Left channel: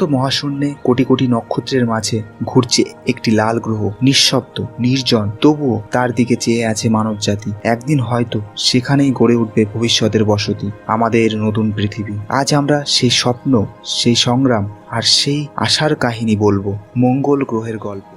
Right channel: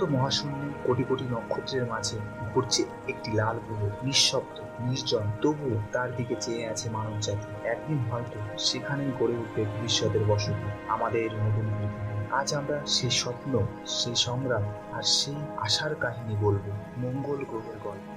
অনন্ত মহাশূন্যে কোটি কোটি নক্ষত্রের মাঝে ঘুরছে একটি লাল গ্রহ, নিঃশব্দ, নির্জন, তবুও তার দিকে চেয়ে আছে মানবজাতি। একদিন হয়তো সেখানেই গড়ে উঠবে ভবিষ্যতের বসতি, আমাদের নতুন পৃথিবী। আজ আমরা সেই স্বপ্ন, সেই সংগ্রাম আর সেই আশার কাহিনী বলবো, মঙ্গল গ্রহের গল্প।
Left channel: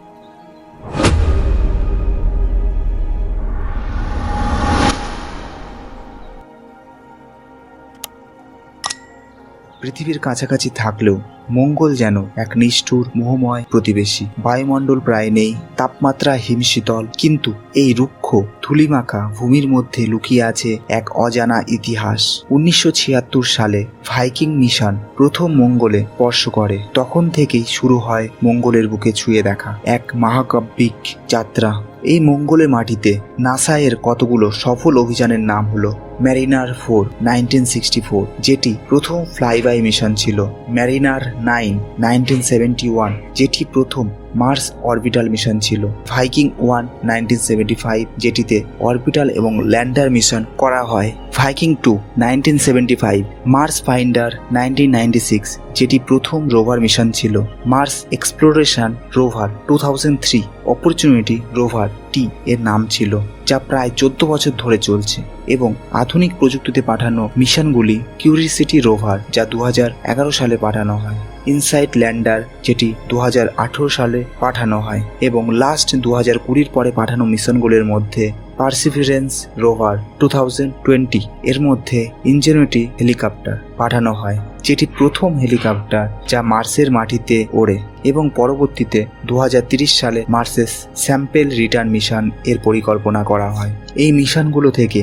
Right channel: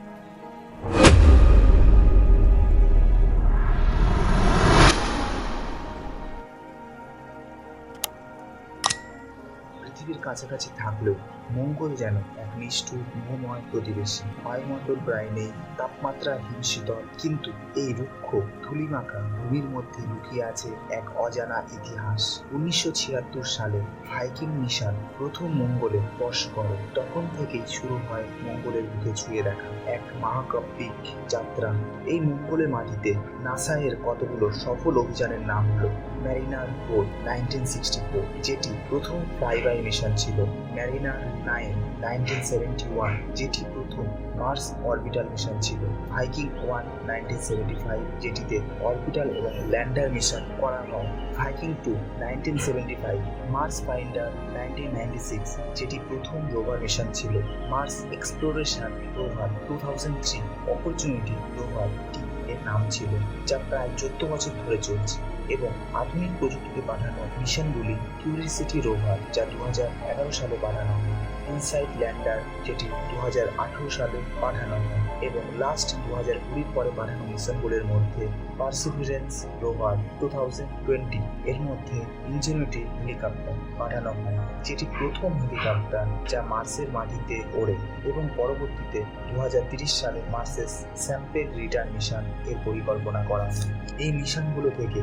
পৃথিবীর কাছাকাছি থাকলেও মঙ্গল যেন এক নিষ্ঠুর মোহময় প্রতিবেশী। বায়ুমণ্ডল প্রায় নেই, তাপমাত্রা হিমশীতল, কিন্তু এই রুক্ষ ধূলিমাখা ভূমির মধ্যে লুকিয়ে আছে এক অজানা ইতিহাস। 1976 সালে ভাইকিং মিশন প্রথম মঙ্গলে স্পর্শ করে। তখন থেকেই শুরু হয় মঙ্গলের বুকে ছুঁয়ে দেখা এক মহাকাব্যিক যাত্রা। এই মঙ্গলের মাটিতে নাসা এর কতগুলো সফল অভিযানের নাম হলো ম্যারিনার 4 1964, যেটি প্রথম ফ্লাইবাই মিশন ছিল; ম্যারিনার 9 1971, যেটি প্রথম মার্স অরবিটাল মিশন ছিল; ভাইকিং 1 1975, যেটিতে অরবিটাল এবং ল্যান্ডার মিশন করা হয়; ভাইকিং 2 1975, মার্স ফাইন্ডার 1996, যেটি প্রথম রোভার মিশন ছিল; Mars exploration rover 2003, opportunity rover টি এর নাম ছিল, যা প্রায় 14 বছর ধরে চলছে; এবং আধুনিক প্রযুক্তিতে পাঠানো মিশনগুলি কিউরিসিটি রোভার, যা 2011 সালে পাঠানো হয়; ইনসাইট ল্যান্ডার, যেটি 2018 সালে পাঠানো হয়; এবং লাস্ট 2020 পরে পাঠানো মিশনগুলির মধ্যে পারসিভিরেন্স রোভার 2020 এর মধ্যে ইনজেনিটি হেলিকপ্টার পাঠানো হয়, যেটি প্রথম হেলিকপ্টার যা মার্সের মাটিতে ওড়ে; এবং পরবর্তীতে 2030 সালে মার্সের স্যাম্পেল রিটার্ন মিশন এর পরিকল্পনা করা হয়। এই মিশনগুলো থেকে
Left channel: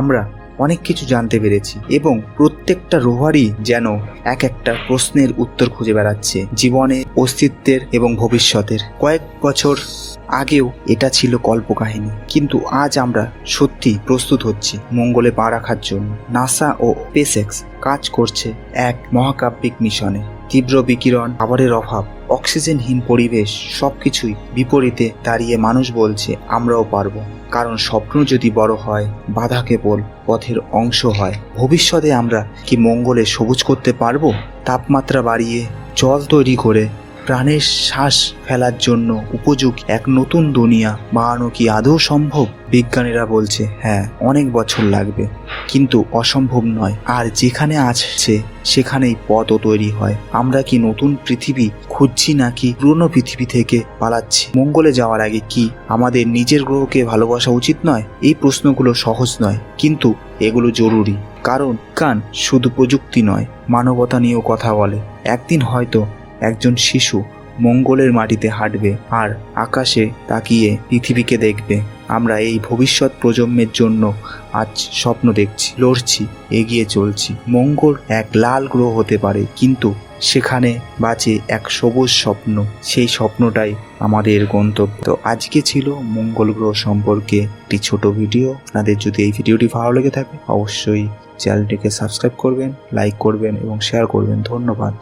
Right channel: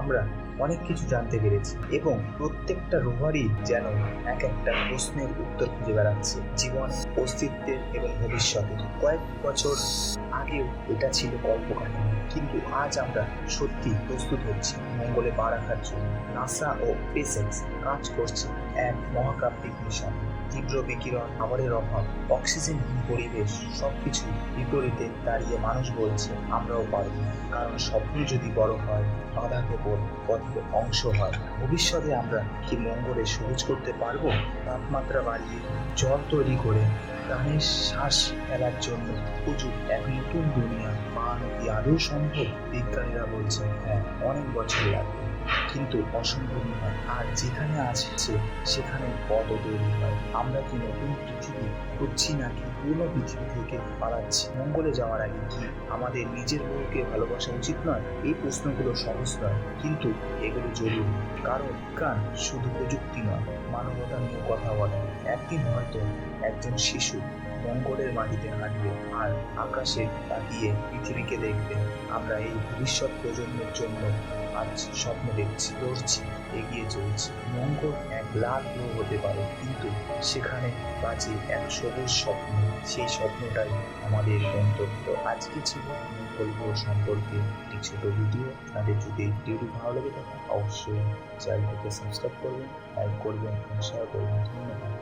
আমরা অনেক কিছু জানতে পেরেছি, এবং প্রত্যেকটা রোভারই যেন এক একটা প্রশ্নের উত্তর খুঁজে বেড়াচ্ছে, জীবনের, অস্তিত্বের এবং ভবিষ্যতের। কয়েক বছর আগেও এটা ছিল কল্পকাহিনী, কিন্তু আজ আমরা সত্যি প্রস্তুত হচ্ছি মঙ্গলে পা রাখার জন্য। নাসা ও স্পেসএক্স কাজ করছে এক মহাকাব্যিক মিশনে। তীব্র বিকিরণ, খাবারের অভাব, অক্সিজেনহীন পরিবেশ, সবকিছুই বিপরীতে দাঁড়িয়ে মানুষ বলছে আমরাও পারবো। কারণ স্বপ্ন যদি বড় হয়, বাধা কেবল পথের অংশ হয়। ভবিষ্যতে আমরা কি মঙ্গলে সবুজ করতে পারবো? তাপমাত্রা বাড়িয়ে, জল তৈরি করে প্রাণের শ্বাস ফেলার জন্য উপযোগী এক নতুন দুনিয়া বানানো কি আদৌ সম্ভব? বিজ্ঞানীরা বলছে হ্যাঁ, অনেক বছর লাগবে, কিন্তু অসম্ভব নয়। আর যেখানে আছে সেখানেই পথও তৈরি হয়। আমরা কি নতুন পৃথিবী খুঁজছি নাকি পুরনো পৃথিবী থেকে পালাচ্ছি? মঙ্গলে যাওয়ার আগে কি আমাদের নিজের গ্রহকে ভালোবাসা উচিত নয়? এই প্রশ্নগুলো সহজ নয়, কিন্তু এগুলো জরুরি। কারণ বিজ্ঞান শুধু প্রযুক্তি নয়, মানবতা নিয়েও কথা বলে। একদিন হয়তো একজন শিশু মঙ্গলের মাটিতে হাঁটবে আর আকাশে তাকিয়ে পৃথিবীকে দেখবে। আমরা এই ভবিষ্যৎ প্রজন্মের জন্য আজ স্বপ্ন দেখছি, লড়ছি, এগিয়ে চলছি। মঙ্গল এক লাল গ্রহ হতে পারে, কিন্তু সেখানে বাঁচে এক সবুজ স্বপ্ন। সেই স্বপ্নটাই আমাদের গন্তব্য। তো আজকে ছিল মঙ্গল গ্রহ সম্পর্কে একটি ছোট ভিডিও। আপনাদের যদি এই ভিডিওটি ভালো লেগে থাকে অবশ্যই চ্যানেলটিকে সাবস্ক্রাইব করবেন, লাইক করবেন এবং শেয়ার করবেন। ধন্যবাদ।